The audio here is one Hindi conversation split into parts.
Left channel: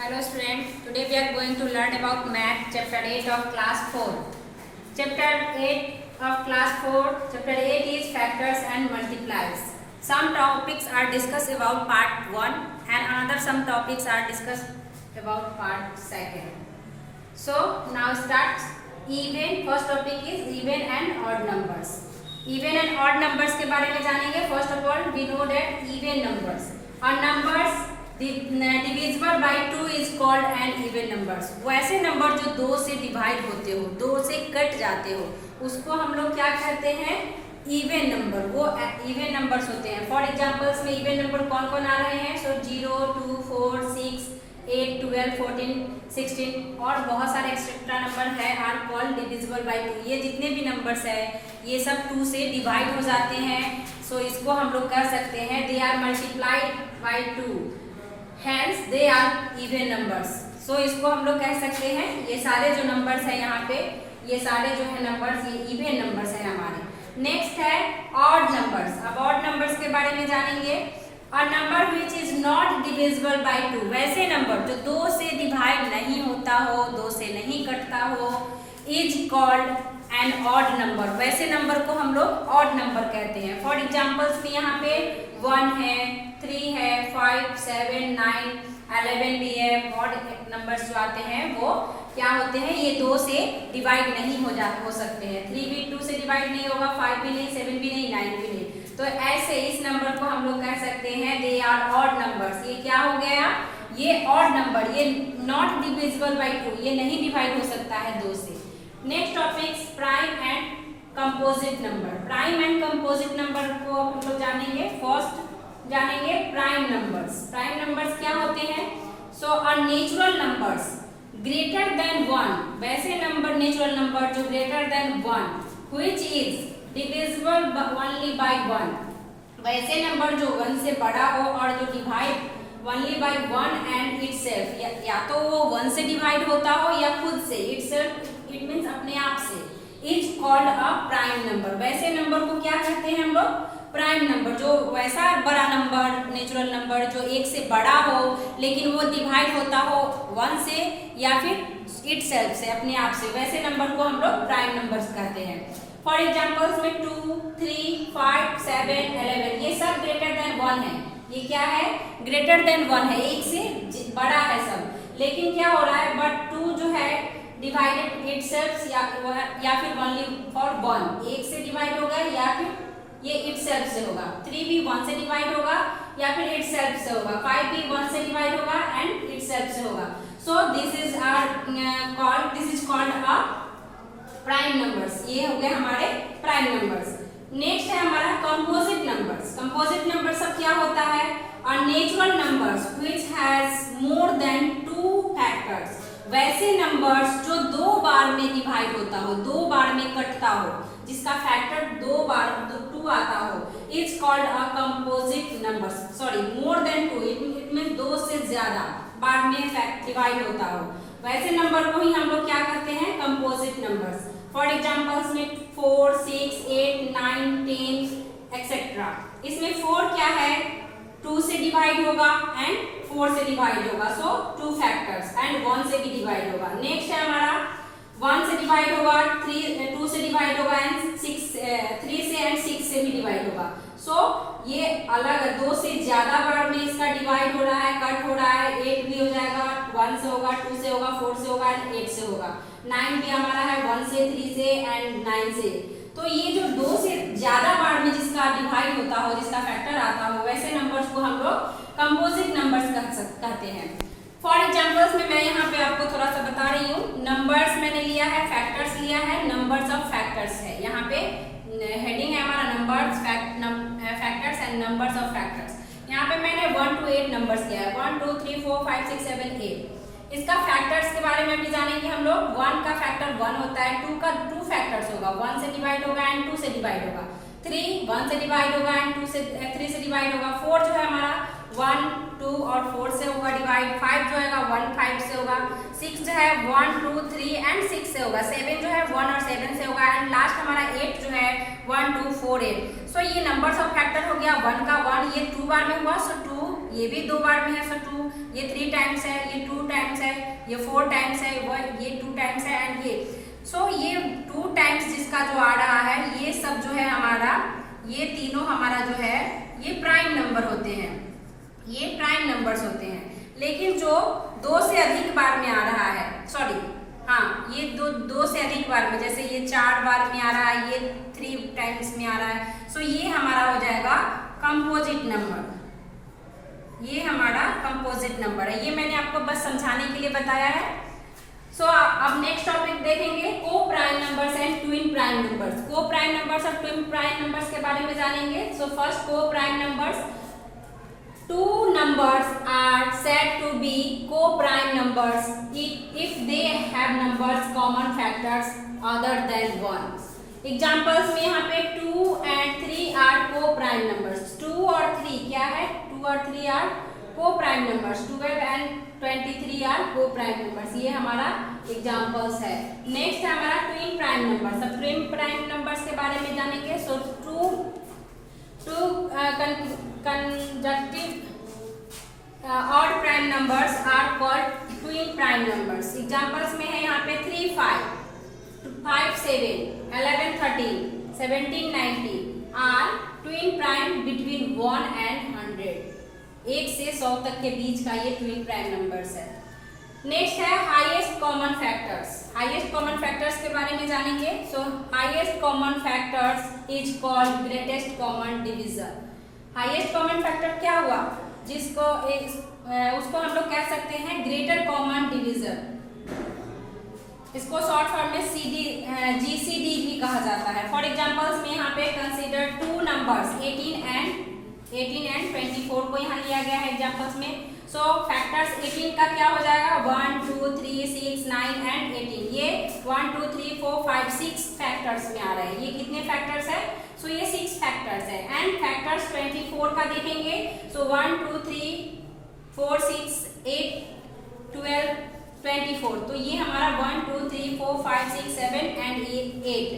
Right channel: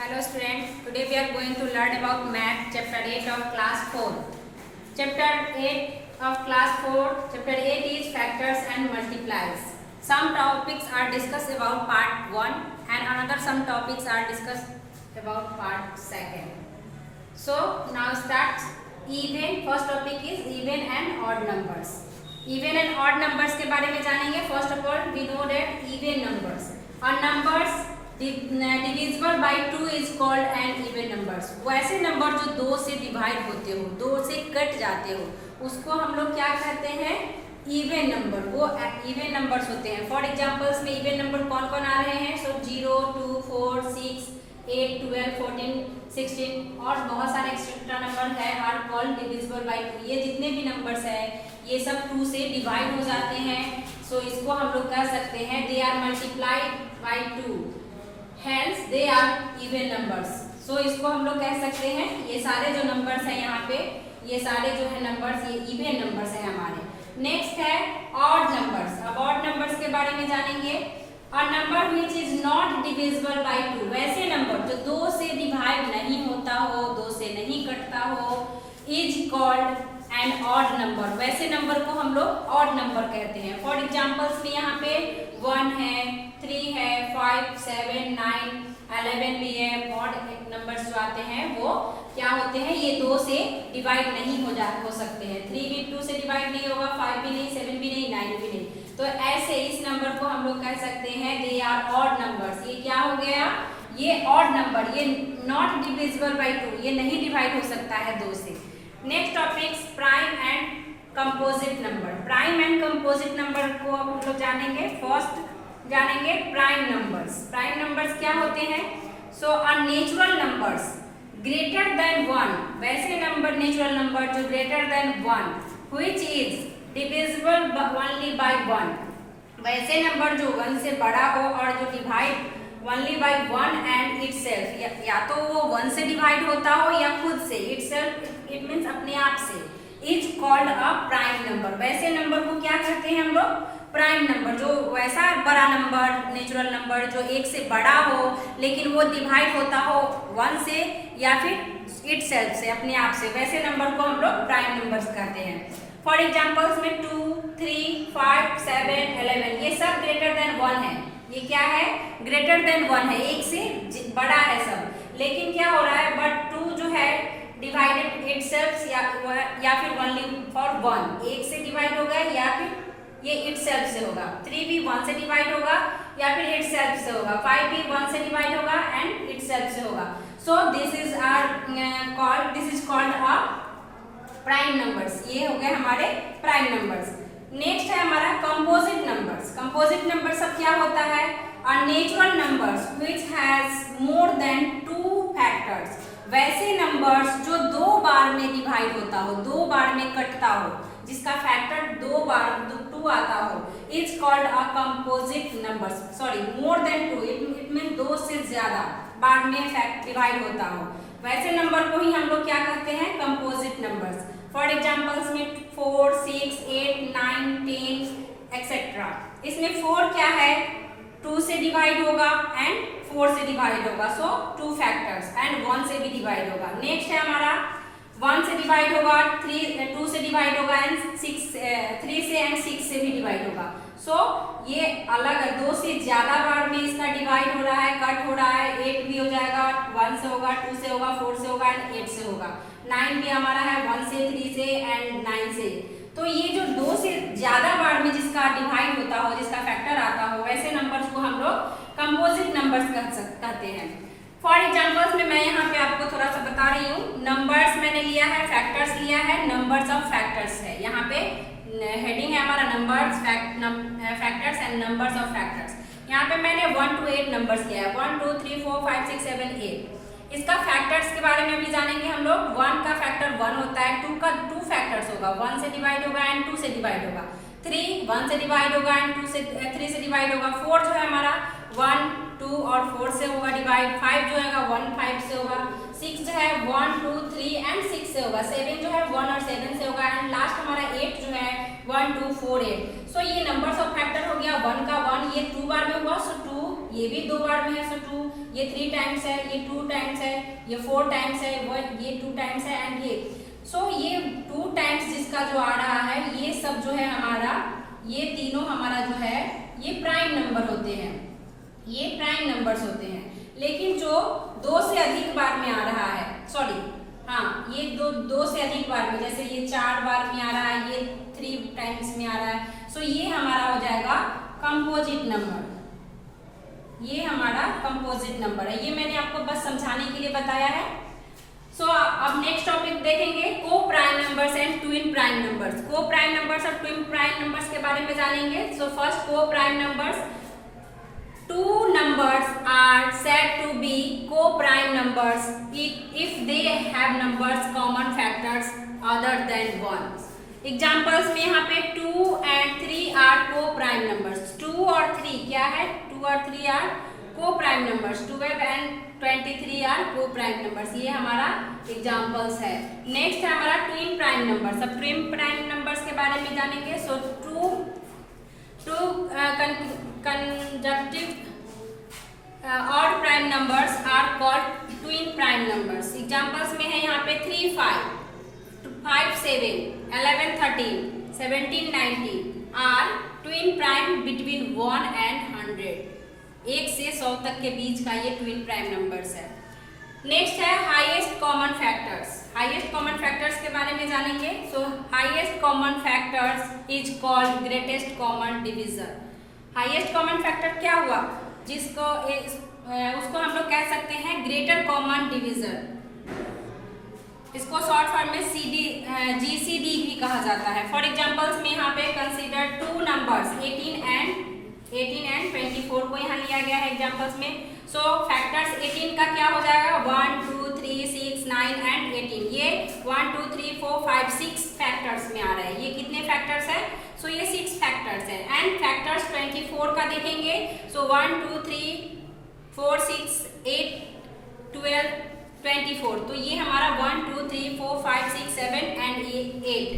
Hello students, today we are going to learn about math chapter 8 of class 4. Chapter 8 of class 4, chapter 8 is factors and multiplies. Some topics are discussed about part 1 and another some topics are discussed about part 2. So now start even. First topic is even and odd numbers. Even and odd numbers के बारे में जानेंगे. First of all, we know that even numbers और numbers divisible by 2 is called an even numbers. वो ऐसे नंबर जो 2 से डिवाइड होते हो, 2 से कट जाते हो, उसको हम लोग क्या कहते हैं? Even number. वो इवन नंबर्स होते हैं. फॉर एग्जांपल्स में इवन नंबर कौन कौन आ रहे हैं? सो 0, 2, 4, 6, 8, 12, 14, 16 और बहुत सारे एक्स्ट्रा नंबर है आर कॉल्ड डिविजिबल बाई 2. ये जितने भी नंबर्स है ये सब 2 से डिवाइड हो जाते हैं. सो इसको हम लोग कह सकते हैं they are multiplied by 2. Hence they are even numbers. So इसको हम लोग कह सकते हैं ये सारे जो नंबर्स हैं यहाँ पे, ये सारे जो है नंबर्स ये इवन नंबर्स हैं हमारे. नेक्स्ट है ऑड नंबर्स. अब ऑड नंबर्स के बारे में जानेंगे. A number which is not divisible by 2. वैसे नंबर जो 2 से डिवाइड नहीं होता हो, 2 से नहीं कटता हो, is called an odd number. वैसे नंबर को हम लोग ऑड नंबर कहते हैं. फॉर एग्जाम्पल्स में यहाँ पे 1 है, 3 है, 5, 7, 9, 11 भी है. ऑड नंबर्स जो आते हैं वो क्या होते हैं? ये 2 से डिवाइड नहीं हो सकते हैं. 3 भी 2 से डिवाइड नहीं होगा, 5 भी नहीं, 7 भी नहीं, 9 भी नहीं. तो ऐसे इस नंबर को हम लोग कह सकते हैं दे आर ऑड नंबर्स. ये क्या हो गया? ये ऑड नंबर, ये नॉट डिविजिबल बाई 2, ये नहीं डिवाइड हो सकता है 2 से. Next topics prime and composite number. Prime and composite number को हम लोग जानेंगे. फर्स्ट जानेंगे प्राइम नंबर्स. प्राइम नंबर्स क्या होते हैं? So uh natural numbers greater than 1. वैसे नंबर नेचुरल नंबर जो greater than 1 which is divisible only by 1. वैसे नंबर जो 1 से बड़ा हो और जो divide only by 1 and itself, या तो वो 1 से डिवाइड होता हो या खुद से. इटसेल्फ इट मीन्स अपने आप से. Is called a prime number. वैसे नंबर को क्या कहते हैं हम लोग? Prime number. जो वैसा बड़ा नंबर नेचुरल नंबर जो 1 से बड़ा हो लेकिन वो डिवाइड होता हो 1 से या फिर इटसेल्फ से, अपने आप से, वैसे नंबर को हम लोग प्राइम नंबर्स कहते हैं. फॉर एग्जांपल्स में 2, 3, 5, 7, 11 ये सब ग्रेटर देन 1 है. ये क्या है? ग्रेटर देन 1 है, 1 से बड़ा है सब. लेकिन क्या हो रहा है? बट 2 जो है डिवाइडेड इटसेल्फ या फिर ओनली फॉर 1. 1 से डिवाइड होगा या फिर ये इटसेल्फ से होगा. 3 भी 1 से डिवाइड होगा या फिर इटसेल्फ से होगा. 5 भी 1 से डिवाइड होगा एंड इटसेल्फ से होगा. So this is called a prime numbers. ये हो गए हमारे प्राइम नंबर्स. नेक्स्ट है हमारा कंपोजिट नंबर्स. कंपोजिट नंबर सब क्या होता है? अ natural numbers which has more than 2 factors. वैसे नंबर्स जो 2 बार में डिवाइड होता हो, 2 बार में कटता हो, जिसका फैक्टर 2 बार 2 आता हो, is called a composite numbers. Sorry, more than 2 it mean 2 से ज्यादा बार में डिवाइड होता हो, वैसे नंबर को ही हम लोग क्या कहते हैं? Composite numbers. फॉर एग्जाम्पल्स में 4, 6, 8, 9, 10 एक्सेट्रा. इसमें 4 क्या है? 2 से डिवाइड होगा एंड 4 से डिवाइड होगा. सो 2 फैक्टर्स एंड 1 से भी डिवाइड होगा. नेक्स्ट है हमारा 1 से डिवाइड होगा, 2 से डिवाइड होगा एंड 3 से एंड 6 से भी डिवाइड होगा. सो ये अलग 2 से ज्यादा बार में इसका डिवाइड हो रहा है, कट हो रहा है. 8 भी हो जाएगा, 1 से होगा, 2 से होगा, 4 से होगा एंड 8 से होगा. 9 भी हमारा है 1 से, 3 से एंड 9 से. तो ये जो 2 से ज्यादा बार में जिसका डिवाइड होता हो, जिसका फैक्टर आता हो, वैसे नंबर्स को हम लोग कंपोजिट नंबर्स कहते हैं. फॉर एग्जाम्पल्स में मैं यहाँ पे आपको थोड़ा सा बता रही हूँ. नंबर्स मैंने लिया है, फैक्टर्स लिया है, नंबर्स ऑफ फैक्टर्स है. यहाँ पे हेडिंग है हमारा numbers factors and numbers of factors. यहाँ पे मैंने 1 to 8 नंबर्स लिया है. 1, 2, 3, 4, 5, 6, 7, 8. इसका फैक्टर्स के बारे में भी जानेंगे हम लोग. 1 का फैक्टर 1 होता है, 2 का 2 फैक्टर्स होगा, 1 से डिवाइड होगा एंड 2 से डिवाइड होगा. 3 1 से डिवाइड होगा एंड 3 से डिवाइड होगा. 4 जो है हमारा 1, 2 और 4 से होगा डिवाइड. 5 जो है 1, 5 से होगा. 6 जो है 1, 2, 3 एंड 6 से होगा. 7 जो है 1 और 7 से होगा एंड लास्ट हमारा 8 जो है 1, 2, 4, 8. सो ये नंबर्स ऑफ फैक्टर हो गया. 1 का 1 ये 2 बार में हुआ, सो 2 ये भी 2 बार में है, सो 2, ये 3 टाइम्स है, ये 2 टाइम्स है, ये 4 टाइम्स है, ये 2 टाइम्स है एंड ये ये 2 टाइम्स जिसका जो आ रहा है, ये सब जो है हमारा, ये तीनों हमारा जो है ये प्राइम नंबर होते हैं, ये प्राइम नंबर्स होते हैं। लेकिन जो 2 से अधिक बार में आ रहा है, सॉरी हाँ, ये दो से अधिक बार में, जैसे ये 4 बार में आ रहा है, ये 3 टाइम्स में आ रहा है, सो ये हमारा हो जाएगा कंपोजिट नंबर। ये हमारा कंपोजिट नंबर है। ये मैंने आपको बस समझाने के लिए बताया है। सो अब नेक्स्ट टॉपिक देखेंगे को prime numbers and twin prime numbers. को प्राइम नंबर्स और ट्विन प्राइम नंबर्स के बारे में जानेंगे। सो फर्स्ट, को prime numbers, 2 numbers are said to be co-prime numbers if they have numbers common factors other than 1. Examples में यहाँ पे 2 and 3 are co-prime numbers. 2 और 3 क्या है? 2 और 3 are co-prime numbers. 12 and 23 are co-prime numbers. ये हमारा examples है। Next है हमारा twin prime numbers. अब twin prime numbers के बारे में जानेंगे। So two consecutive odd prime numbers are called twin prime numbers. Examples में है यहाँ पे 3, 5, 5, 7, 11, 13, 17, 19 are twin prime between 1 and 100. 1 से 100 तक के बीच का ये twin prime numbers है। नेक्स्ट है highest common factors. Highest common factors के बारे में जानेंगे। सो highest common factors is called greatest common divisor. Highest common factor क्या हुआ? जिसको उसको हम लोग कह सकते हैं ग्रेटर कॉमन डिवीजर। इसको शॉर्ट फॉर्म में GCD भी कहा जाता है। फॉर एग्जाम्पल्स में यहाँ पे कंसीडर 2 नंबर्स 18 एंड 24 को यहाँ लिया गया है एग्जाम्पल्स में। सो फैक्टर्स 18 का क्या हो जाएगा? 1, 2, 3, 6, 9 एंड 18। ये 1, 2, 3, 4, 5, 6 फैक्टर्स में आ रहा है। ये कितने फैक्टर्स है? सो ये 6 फैक्टर्स है। एंड फैक्टर्स 24 का देखेंगे। सो 1, 2, 3, 4, 6, 8, 12, 24। तो ये हमारा 1, 2, 3, 4, 5, 6, 7 एंड 8।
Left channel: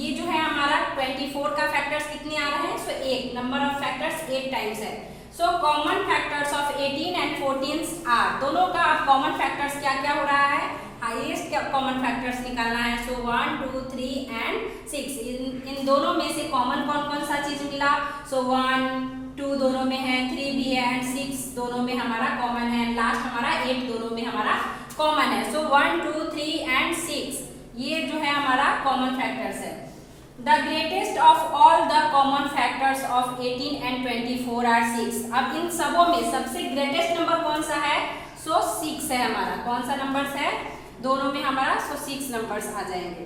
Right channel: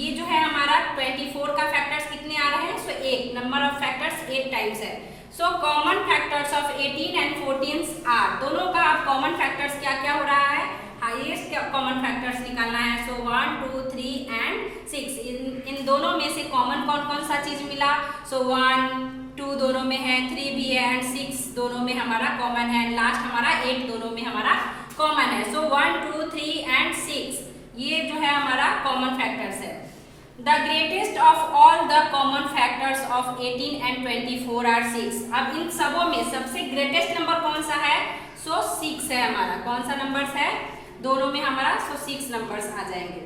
ये जो है हमारा 24 का फैक्टर्स कितने आ रहे हैं? So 8 number of factors 8 times है। So common factors of 18 and 14 are, दोनों का अब कॉमन फैक्टर्स क्या क्या हो रहा है? हाईएस्ट कॉमन फैक्टर्स निकालना है। सो 1, 2, 3 एंड 6, इन दोनों में से कॉमन कौन कौन सा चीज मिला? सो 1, 2 दोनों में है, 3 भी है एंड 6 दोनों में हमारा कॉमन है। लास्ट हमारा 8 दोनों में हमारा कॉमन है। सो 1, 2, 3 एंड 6 ये जो है हमारा कॉमन फैक्टर्स है। The greatest of all the common factors of 18 and 24 are 6. अब इन सबों में सबसे ग्रेटेस्ट नंबर कौन सा है? सो 6 है हमारा। कौन सा नंबर्स है? दोनों में हमारा 6 नंबर्स आ जाएंगे।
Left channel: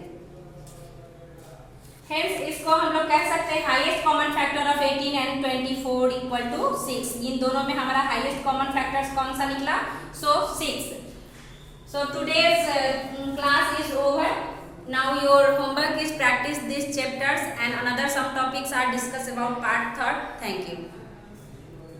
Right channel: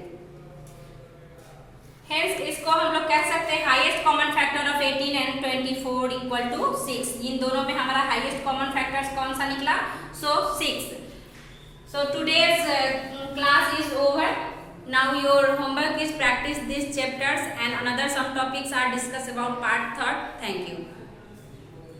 Hence इसको हम लोग कह सकते हैं highest common factor of 18 and 24 equal to 6। इन दोनों में हमारा हाईएस्ट कॉमन फैक्टर्स कौन सा निकला? सो 6। So today's class is over. Now your homework is practice these chapters and another some topics are discussed about part 3rd. Thank you.